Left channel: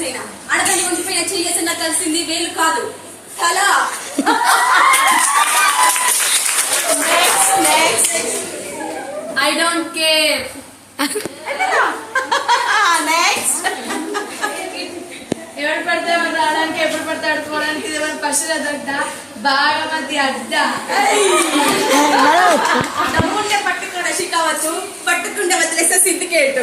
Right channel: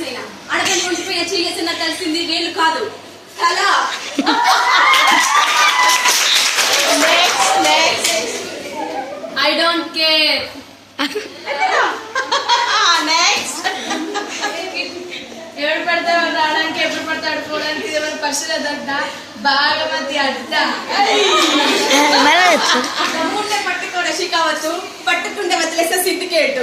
చేయనా అడగని ఒంటిపై చేసిన కలిసింది వేలు కాదు కళ. I don't care. ఎవరు పడతాడు రావడానికి ఎప్పుడు పడతాడు పోవడానికి ఎవరు పర్సులు అడ్డ బాగా మంది అడ్డ డబ్బుంటే పట్టుకోవడం కావచ్చు పట్టుకుంటే వదిలేసే syndicate.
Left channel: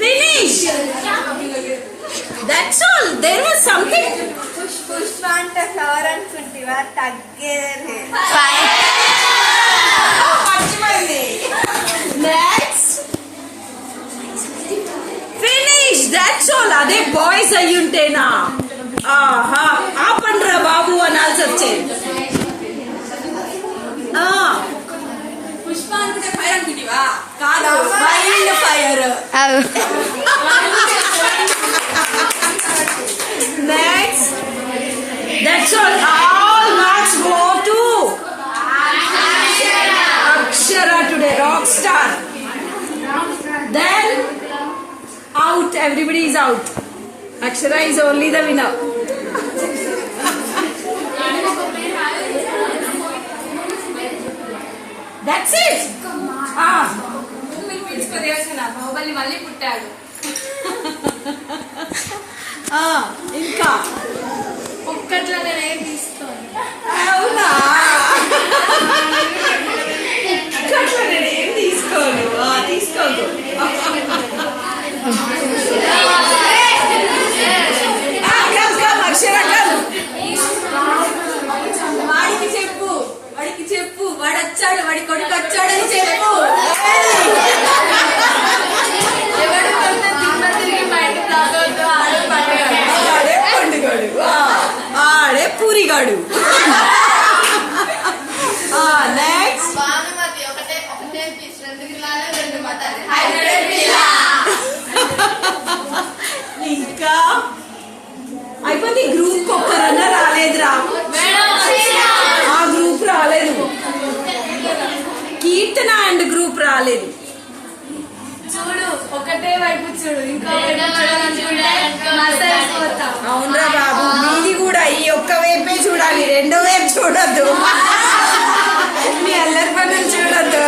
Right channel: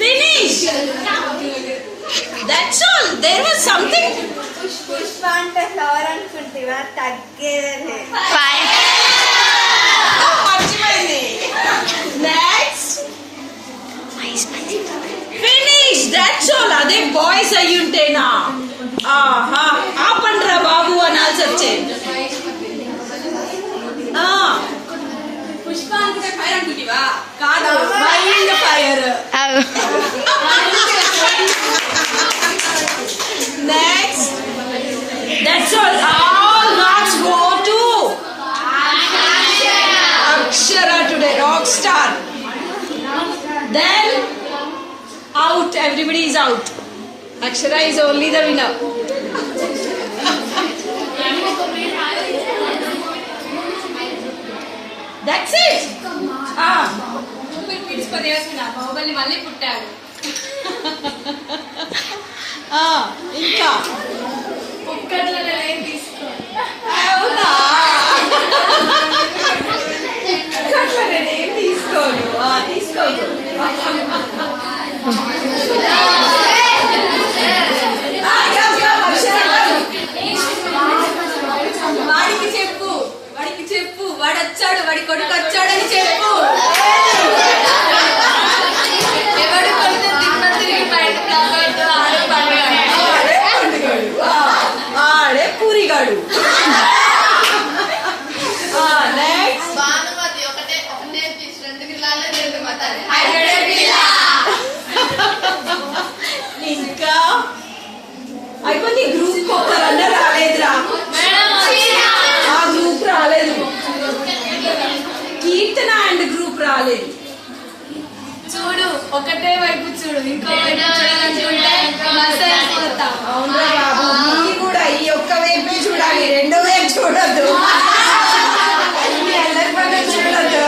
Finish. That's all. There was something. Pushpa అంటే ఫ్లవర్ అనుకుంటా తగ్గేదే. Next. Finish. That's all. అదే బాయ్స్ అయ్యుంటేనా ఆహా ఆపండ్రా బాబు అనాల్సి వచ్చేది. పుష్ప అంటే ఫైర్ అనుకుంటావా కాదు wild fire. Next. That's all. All marks go to Akshara today, rock star. Then out. Everybody is out. Akshara is only the winner. That's it. Baahubali మళ్ళీ పుట్టాడు. ఇంకా ఒక్కట్లనే తీసుకోండి. అవునా ఏం తీసుకోను తీసుకోదు. వాడికి చెప్పు వాడికి చెప్పు వాడు వచ్చాడు వాడి కొడుకు వచ్చాడని చెప్పు. ఎవడు కొడితే దిమ్మ తిరిగి బయట బ్లాక్ అవుతాడు ఆడే పండుగాడు ఆడే పూరిగాడు. ఇంకా అయిపోయింది. గ్రూప్ ఒక్కరన్నా రాలేదురా. ఆ గ్రూప్ రాలేదు. కీర్తన అండ్ గ్రూప్ రాలేదు. చూడు ఒకటే వైపు చూడు ఇంకో అవునరా బాబు మీది కూడా ఈ ఒక్క వైపే చూడాలి రెండో వైపు చూడద్దు. మీ అందరి పనులు చూడద్దు.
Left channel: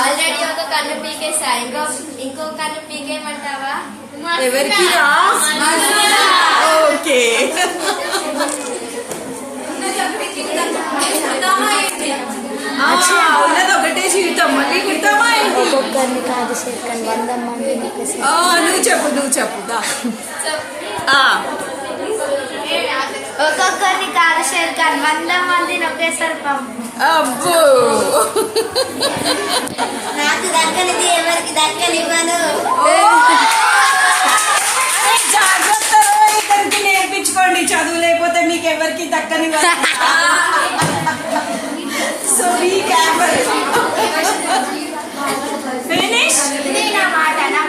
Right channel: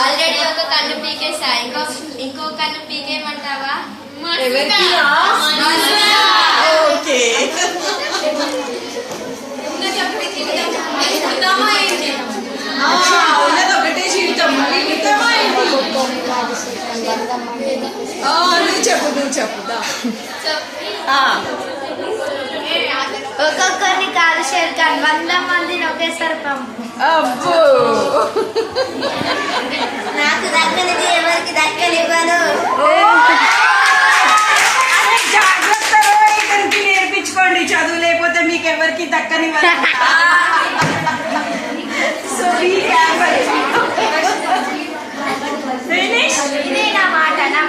ఆల్రెడీ ఒక కన్ను పీకేసా ఇంకో కన్ను పీకేయమంటావా? ఎవరికి రా? ఓకే ఒకటే జీవితం నువ్వు చెప్పు ఒక్కొక్కరిని కాదు షేర్ఖాన్ 100 మందిని ఒకేసారి పంపు. అబ్బో నాకు దక్కనిది ఎవరికి దక్కనివ్వను. జాగ్రత్తగా ఇద్దరికి నేర్పించుకోండి చదువు లేకపోతే మీకు ఎవరికి దక్కని. సో ఇదే నా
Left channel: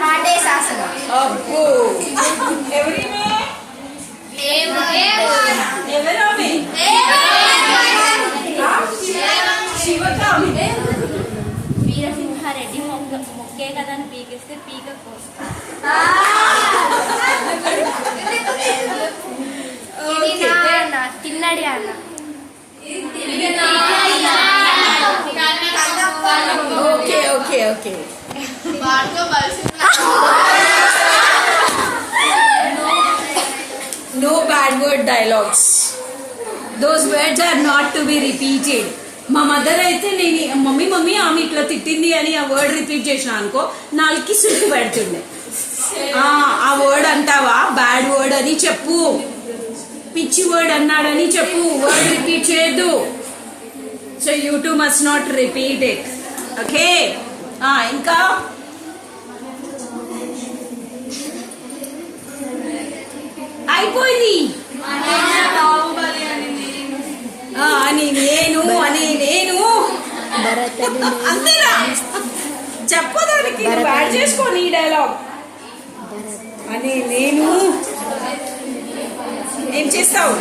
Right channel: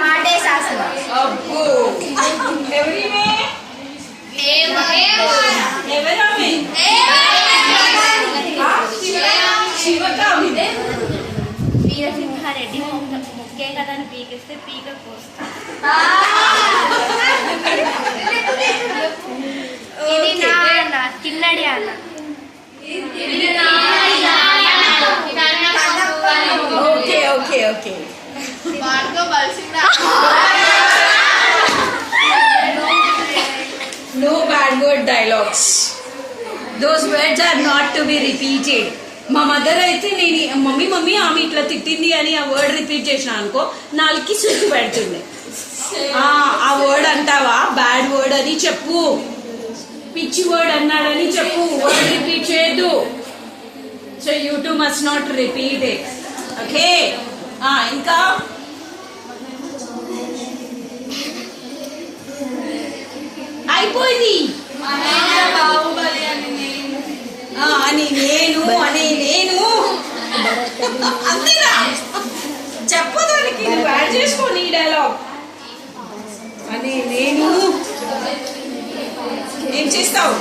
మాటే శాసనం. అబ్బో ఎవరిమే ఎవరమే శివకామి వీరసింహారెడ్డి మొక్కే కదని పీకిస్తే పీక కోస్తా. ఇది నా అన్న తిన్నడి అన్న. Okay okay okay No bad word dialogues. Those words are not to be repeated. మా మదర్ అయితే నేను మమ్మీ ఆమె ఇట్లా తిట్టింది అని ఆ వర్డ్ రిపీట్ చేసిన అనుకో నాలుగుకి సుట్టు పెడుతుండే. ఆ వర్డ్ అంటావా బ్యాడ్ వర్డ్ అని చెప్పు. పిచ్చి వర్డ్ అన్నాడని చెప్పు. వర్డ్ రిపీట్ చేయొద్దు. So you two must not repeat it. Okay ఇంకా అయిపోయింది. అని నేను అంతేనా చెప్పదానికి నువ్వు యాడ్ చేసుకోని ఈ డైలాగ్. అని నేను ఏం చేస్తావు?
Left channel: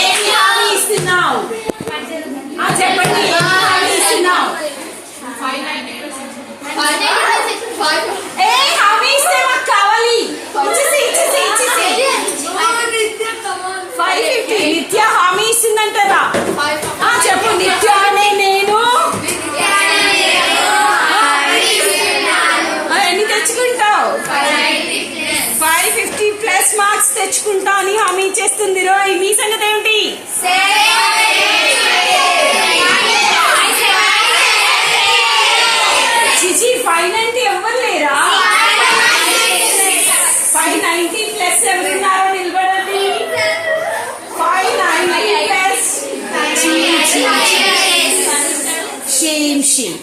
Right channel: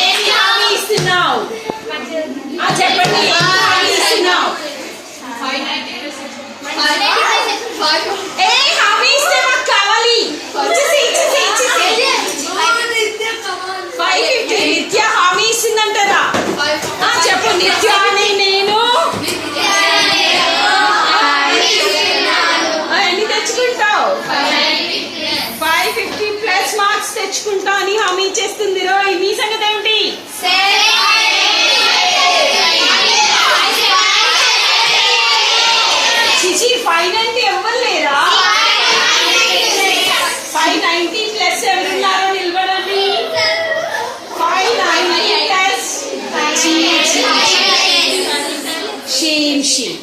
ఏమి హామీ ఇస్తున్నావు? చెప్పండి, ఏమి హామీ ఇస్తున్నావు? ఏ హామీ ఇస్తే మాకు కావాలి. ఇచ్చేసి 550 నిత్య హామీ ఇస్తుందంటారా? చెప్పు, నిత్య అనే నేను ఎన్ని తెచ్చుకుంటావు? 550 ప్లస్ మార్క్స్ తెచ్చుకుంటా అని హామీ ఇచ్చేస్తుంది. రోయ్, నీ సంగతి ఏమిటి? చిచి 590 ఎవ్వరు లేరా? 590 ప్లస్ ఎవరున్నారో నిలబడండి. 590 ప్లస్ షీమ్.